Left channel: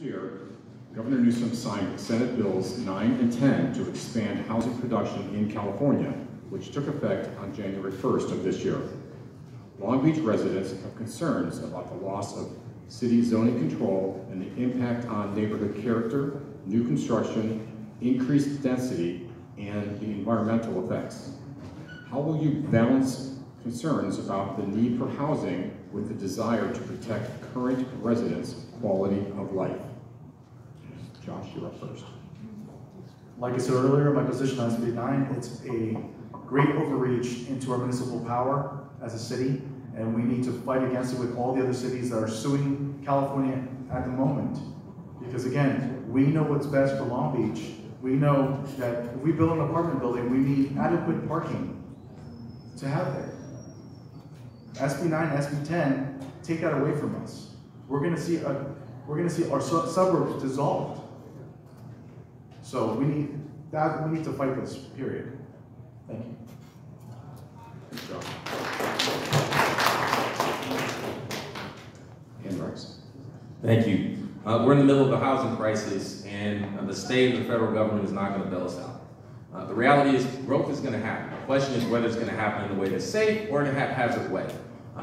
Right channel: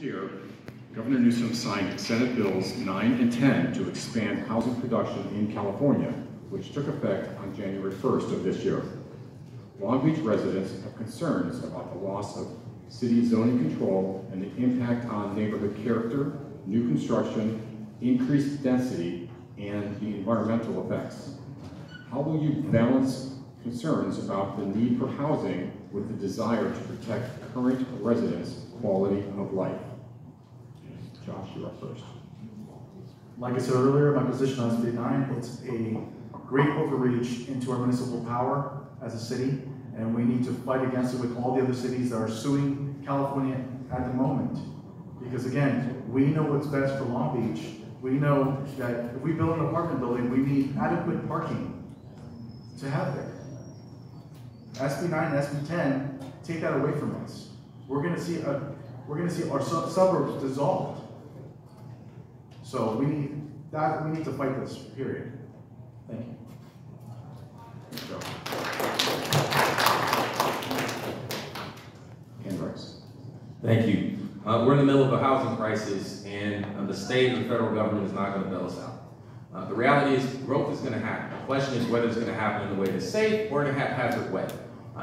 year, Governor Newsom signed Senate Bills 9 and 10 to expand housing production in California, which took effect on January 1st of this year. Long Beach residents have concerns about the loss of city zoning control and the impact on neighborhood character, new construction, increased density, and the environmental effects. How will you balance concerns about the need for housing with the desire to protect current residents' quality of life? Josh, you're up first. Like I said earlier, my position on SB 9, it's a great overreach into our municipal power as a city, and we need to fight against it with all the other cities that are suing California at the moment. Because again, we know what's best for Long Beach. We know that if we build an apartment building, we need adequate parking to have there. SB 9 and SB 10 take that away from us. We're going to see our suburbs dissolved. So we need to fight this, period. Thank you. Thank you. We're in the middle of a housing crisis, and the state and the federal government is not going to bail us out. The reality is growth is going to happen. The question is whether it's going to happen in a way that's safe or in a haphazard way.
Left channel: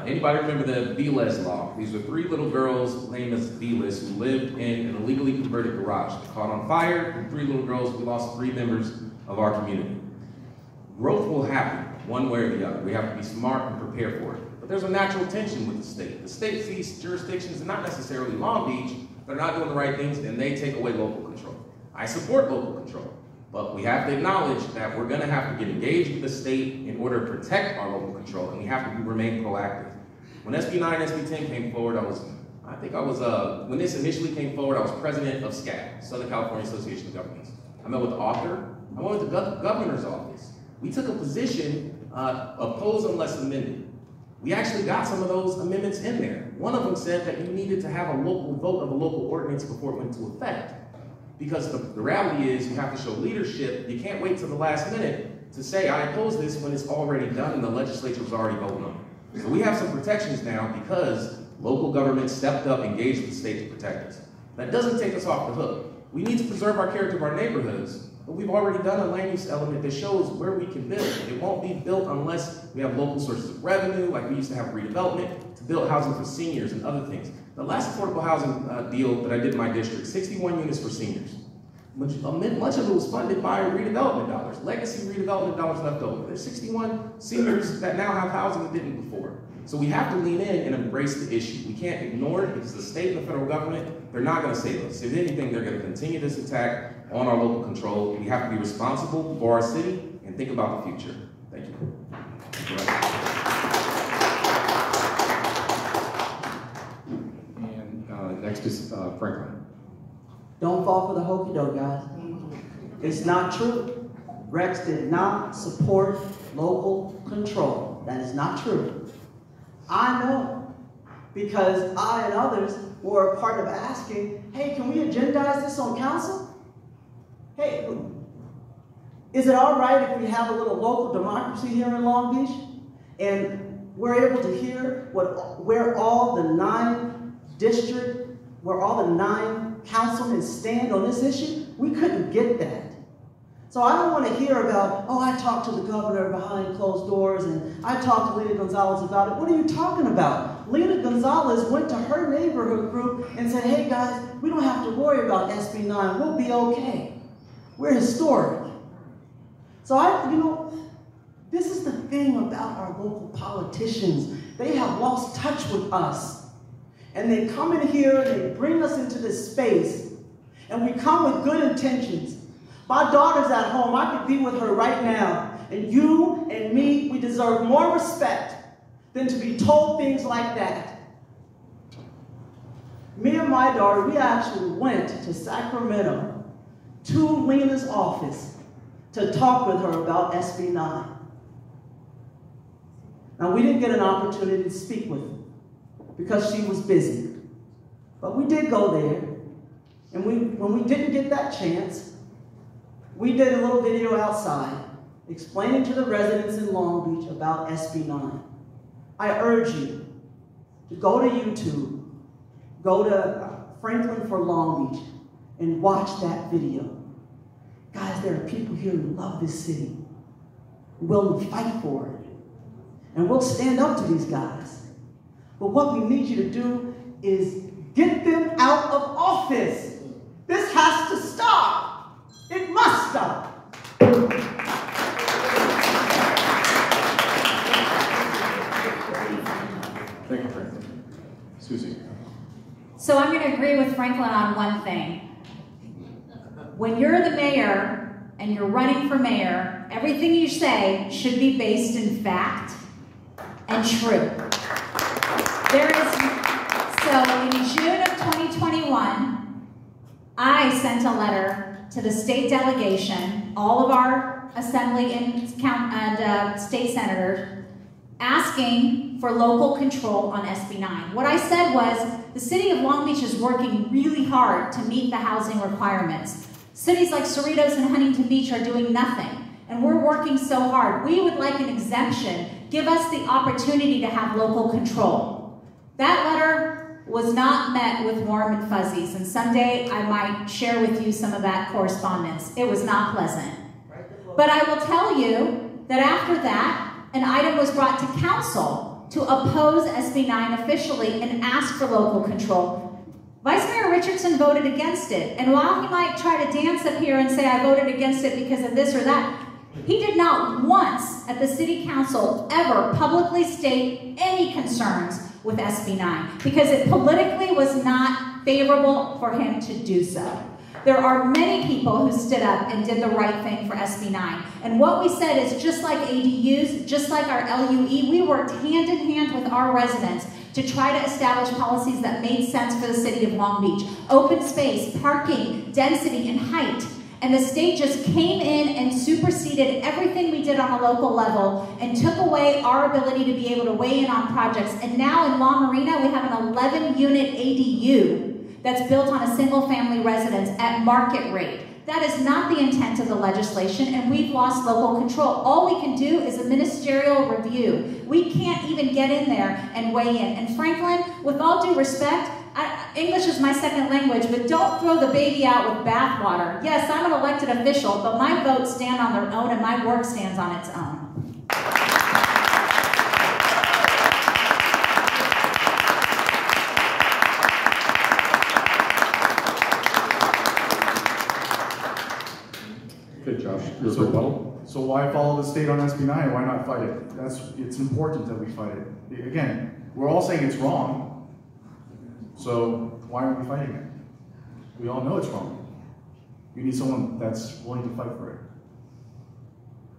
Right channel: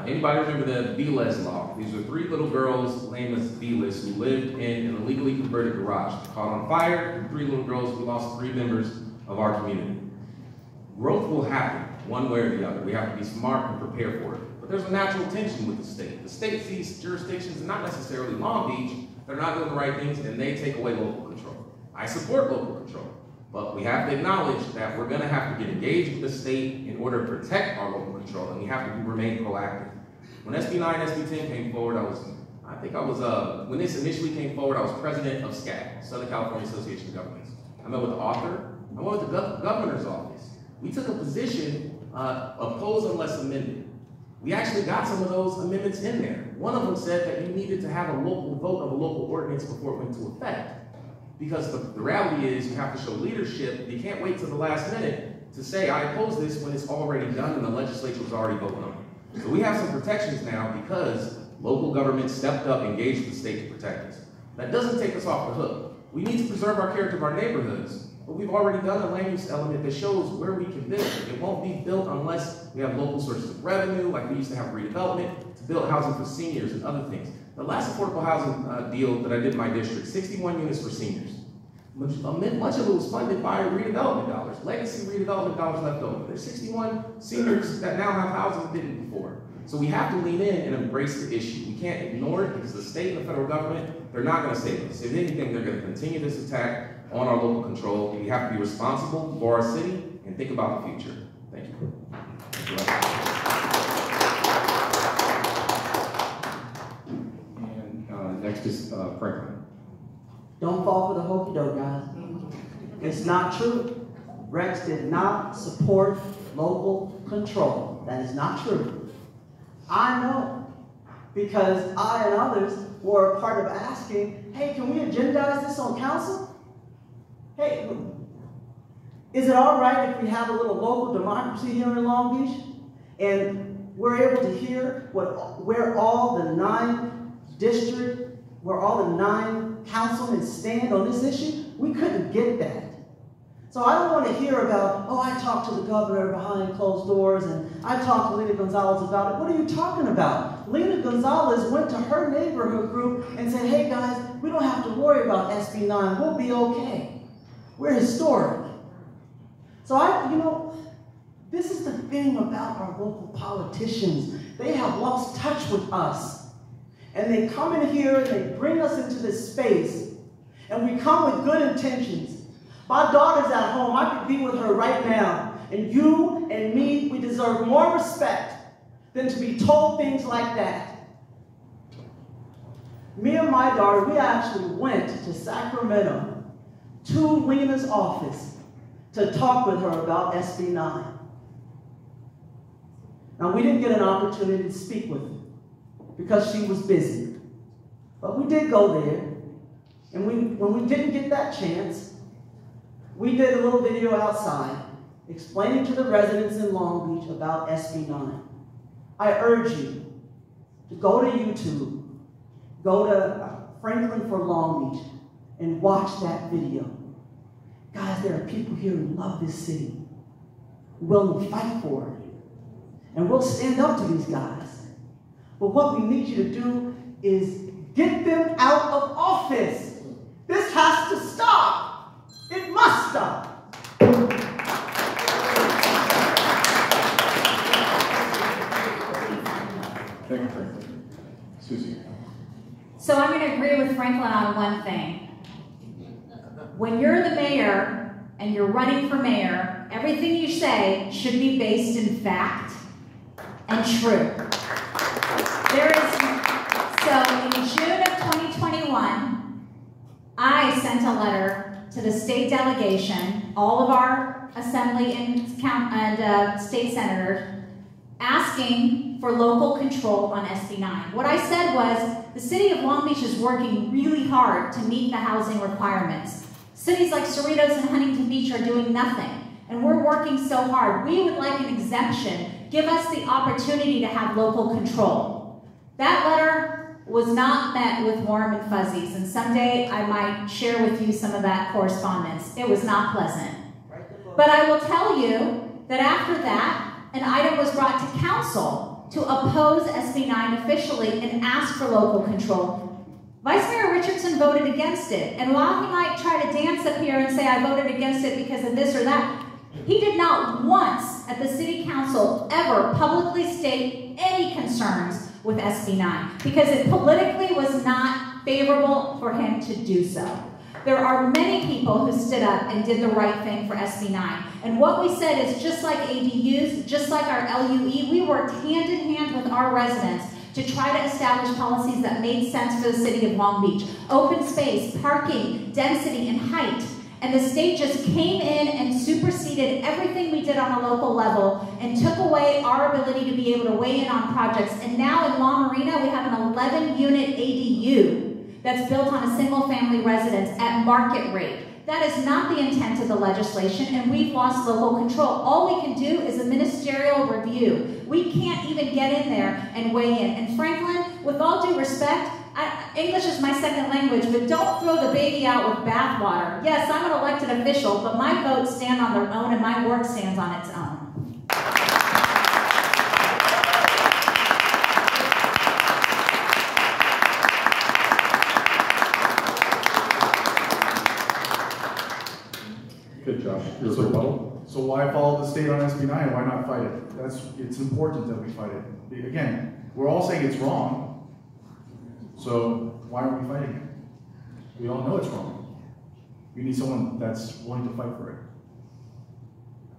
Anybody remember the B-less law? These were 3 little girls named as B-less who lived in an illegally converted garage. They caught on fire, 3 little girls, we lost 3 members of our community. Growth will happen one way or the other. We have to be smart and prepare for it. But there's a natural tension with the state. The state sees jurisdictions, not necessarily Long Beach, that are not doing the right things, and they take away local control. I support local control, but we have to acknowledge that we're going to have to get engaged with the state in order to protect our local control, and we have to remain proactive. When SB 9 and SB 10 came forward, when this initially came forward, I was president of SCAG, Southern California Association of Governments. I met with the author, I went with the governor's office. We took a position, oppose unless amended. We actually got some of those amendments in there. One of them said that you needed to have a local vote of a local ordinance before it went into effect. Because the reality is you have to show leadership. You can't wait till the last minute to say, I oppose this when it's already done and the legislature was already voting on it. So we have some protections now because local government stepped up, engaged with the state to protect us. That doesn't take us off the hook. We need to preserve our character of our neighborhoods, but we've already done a land use element that shows where we can build. It won't be built unless we have local sources of revenue, like we used to have redevelopment, to build housing for seniors and other things. The last affordable housing deal that I did in my district, 61 units for seniors. Much of it was funded by redevelopment dollars, legacy redevelopment dollars left over. There's 61 seniors that now have housing that didn't before. So we have to lean in and embrace the issue. We can't ignore it because the state and the federal government, they're not going to save us. If anything, they're going to continue this attack on our local control. We have to be responsible for our city and think about the future. Thank you. And next is Franklin. Don't fall for the hokey doke, guys. It's not true. Rex did not support local control. That is not true. I know, because I and others were a part of asking, hey, can we agendize this on council? Hey, is it all right if we have a little local democracy here in Long Beach? And we're able to hear where all the 9 councilmen stand on this issue? We couldn't get that. So I don't want to hear about, oh, I talked to the governor behind closed doors and I talked to Lena Gonzalez about it. What are you talking about? Lena Gonzalez went to her neighborhood group and said, hey guys, we don't have to worry about SB 9. We'll be okay. We're historic. So this is the thing about our local politicians. They have lost touch with us. And they come in here and they bring us into this space. And we come with good intentions. My daughter's at home. I could be with her right now. And you and me, we deserve more respect than to be told things like that. Me and my daughter, we actually went to Sacramento to Lena's office to talk with her about SB 9. Now, we didn't get an opportunity to speak with her because she was busy. But we did go there. And when we didn't get that chance, we did a little video outside explaining to the residents in Long Beach about SB 9. I urge you to go to YouTube, go to Franklin for Long Beach and watch that video. Guys, there are people here who love this city, willing to fight for it. And we'll stand up to these guys. But what we need you to do is get them out of office. This has to stop. It must stop. Thank you, Franklin. Susie. So I'm going to agree with Franklin on one thing. When you're the mayor and you're running for mayor, everything you say should be based in fact and true. So in June of 2021, I sent a letter to the state delegation, all of our assembly and state senators, asking for local control on SB 9. What I said was, the city of Long Beach is working really hard to meet the housing requirements. Cities like Cerritos and Huntington Beach are doing nothing, and we're working so hard. We would like an exemption. Give us the opportunity to have local control. That letter was not met with warm and fuzzies, and someday I might share with you some of that correspondence. It was not pleasant. But I will tell you that after that, an item was brought to council to oppose SB 9 officially and ask for local control. Vice Mayor Richardson voted against it, and while he might try to dance up here and say, I voted against it because of this or that, he did not once at the city council ever publicly state any concerns with SB 9 because it politically was not favorable for him to do so. There are many people who stood up and did the right thing for SB 9. And what we said is just like ADUs, just like our LUE, we worked hand in hand with our residents to try to establish policies that made sense for the city of Long Beach. Open space, parking, density, and height. And the state just came in and superseded everything we did on a local level and took away our ability to be able to weigh in on projects. And now in La Marina, we have an 11-unit ADU that's built on a single-family residence at market rate. That is not the intent of the legislation, and we've lost local control. All we can do is a ministerial review. We can't even get in there and weigh in. And Franklin, with all due respect, English is my second language, but don't throw the baby out with bathwater. Yes, I'm an elected official, but my votes stand on their own and my work stands on its own. Okay, Josh. So why follow the state on SB 9? Why not fight it? It's important that we fight it. Again, we're all saying it's wrong. So why aren't we fighting it? We all know it's wrong. You need someone that's willing to fight for it.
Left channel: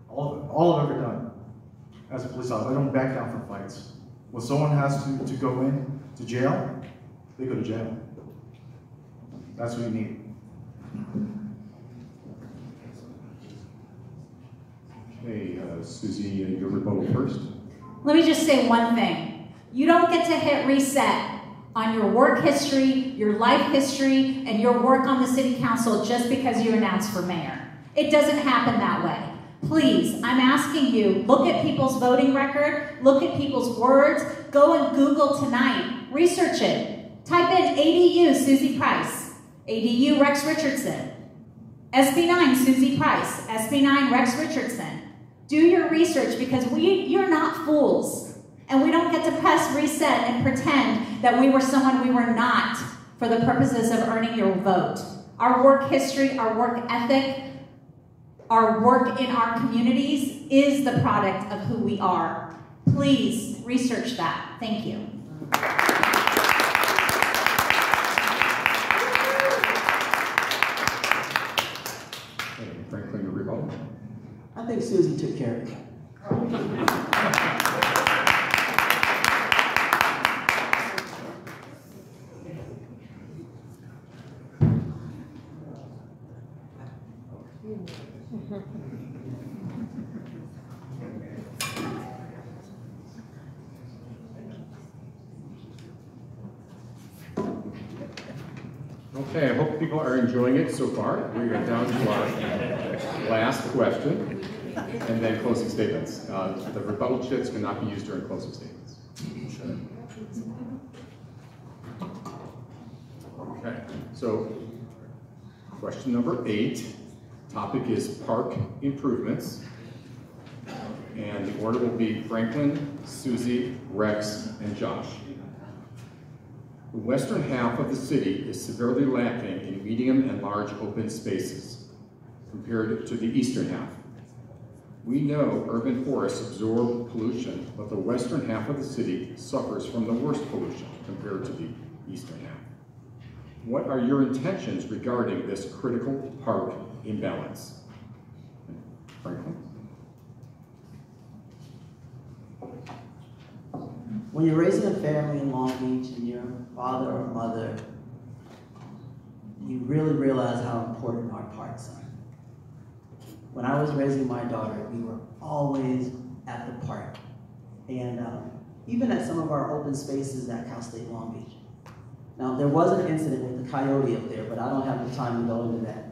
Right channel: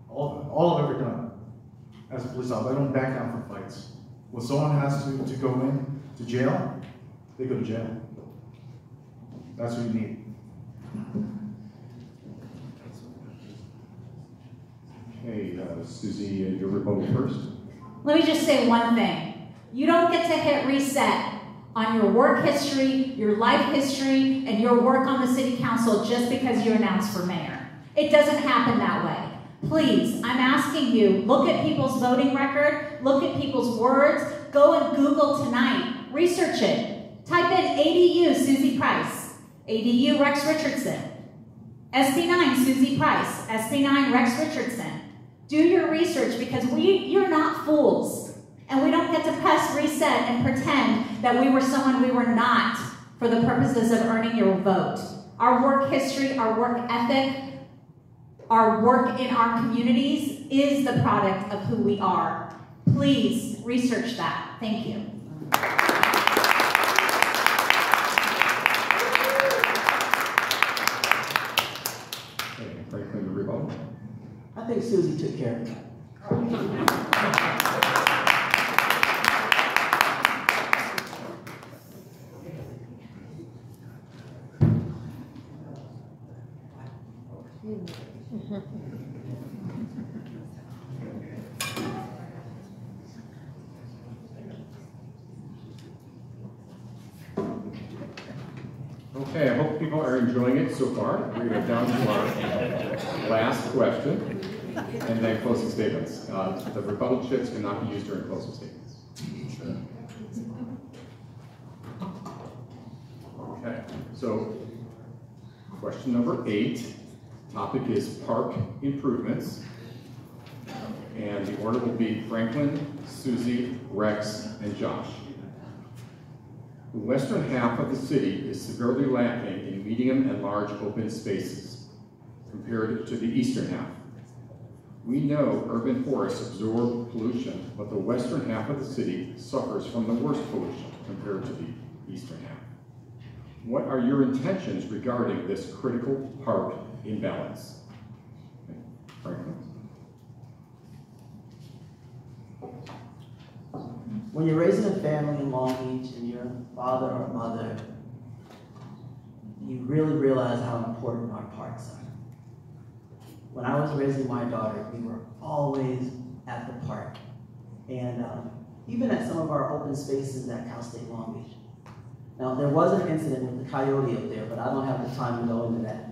All I've ever done as a police officer, I don't back down from fights. When someone has to go in to jail, they go to jail. That's what you need. Okay, Susie, your rebuttal first. Let me just say one thing. You don't get to hit reset on your work history, your life history, and your work on the city council just because you announced for mayor. It doesn't happen that way. Please, I'm asking you, look at people's voting record, look at people's words, go and Google tonight, research it. Type in ADU Susie Price, ADU Rex Richardson, SB 9 Susie Price, SB 9 Rex Richardson. Do your research because you're not fools. And we don't get to press reset and pretend that we were someone we were not for the purposes of earning your vote. Our work history, our work ethic, our work in our communities is the product of who we are. Please research that. Thank you. Okay, Franklin, your rebuttal. I think Susie took care of it. Okay, I hope people are enjoying it so far. We are down to our last question, and then closing statements. The rebuttal chips cannot be used during closing statements. Okay. So, question number 8, topic is park improvements. And the order will be Franklin, Susie, Rex, and Josh. The western half of the city is severely lacking in medium and large open spaces compared to the eastern half. We know urban forests absorb pollution, but the western half of the city suffers from the worst pollution compared to the eastern half. What are your intentions regarding this critical park imbalance? Franklin? When you're raising a family in Long Beach and you're a father or mother, you really realize how important our parks are. When I was raising my daughter, we were always at the park. And even at some of our open spaces at Cal State Long Beach. Now, there was an incident with the coyote up there, but I don't have the time to go into that.